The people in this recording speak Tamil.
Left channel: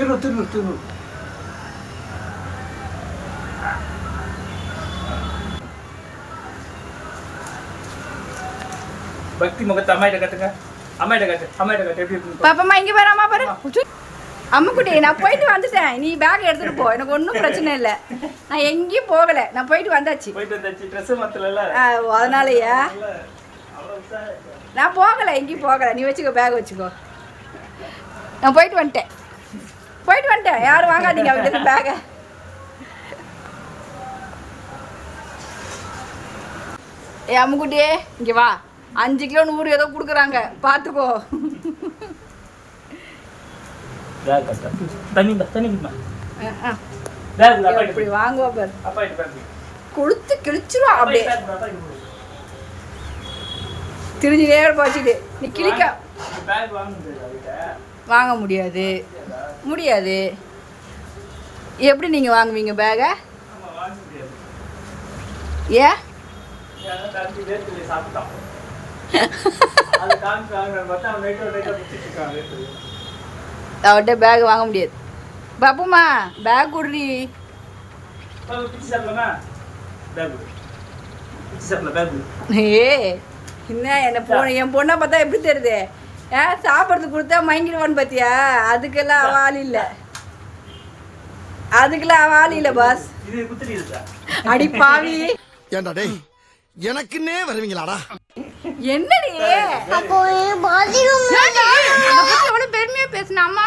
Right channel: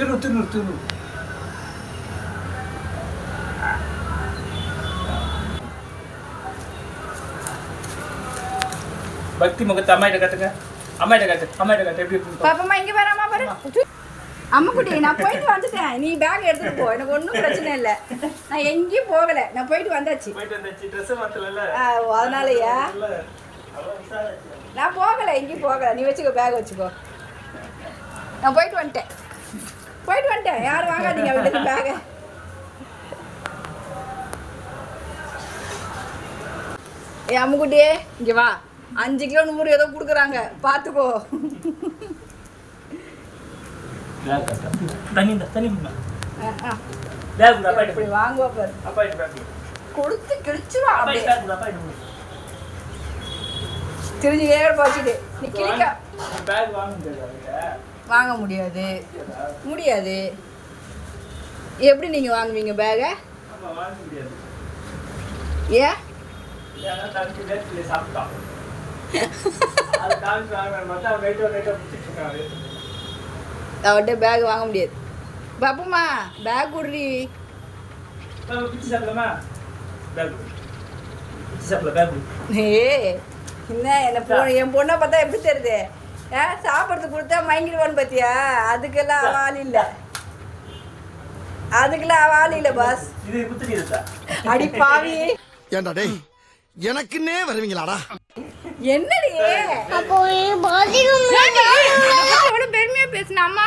திரு பக்தி முகத்தை அம்மாயிட்ட காட்டுங்க. அம்மாயிட்ட காட்டு எப்படி இருக்கு பாப்பா இங்க பாரு அம்மா பாரு. அம்மா குட்டி நான் போயிட்டு வந்துட்டேன். நீ பேக் எடுத்துட்டு போ, எனக்கு ஒன்றும் பிரச்சனை இல்லை. நான் எங்கேயும் போகலை, நான் போயிட்டு வந்தாச்சு. ட்ரெஸ் மாத்தல அதனாலயா நான் போகலை, எங்கேயும் போகலை. நீ வச்சுக்கோ, பேக் வச்சுக்கோ. நான் போயிட்டு வந்துட்டேன். யாரும் வாங்காதீங்க அவங்க பேகை. ஏ அம்முக்குட்டியே இங்கே வா. 5 கிலோ 100 ஏதோ கொடுக்குறாங்க, பார்த்துக்கோ. இப்படி வாங்குவா பாரு, கொடுத்து கிழிச்சிருவா அப்படியே. தெரிஞ்சுட்டே பாச்சுட்டு நீ கிழிக்க வாங்க முடியாது. எப்படி நீங்கள் வாங்குவீங்க பேகை? ஏன் அவர்கிட்ட பேக் வாங்க முடியாது. பாப்புமா பேக் குடுறி. என்ன என் பொண்ணை பார்த்தா எப்படி தெரியுது? சாப்பிட்றதுக்கு கொடுத்தா மயங்கிடுவான்னு பார்த்தியா? அதுக்கெல்லாம் அவ ஆள் இல்லை பாஸ். அடி பாவி, எனக்குன்னே வருவீங்களாடா? என்னடி எவ்வளவு பெருமையா பேசின அம்மா.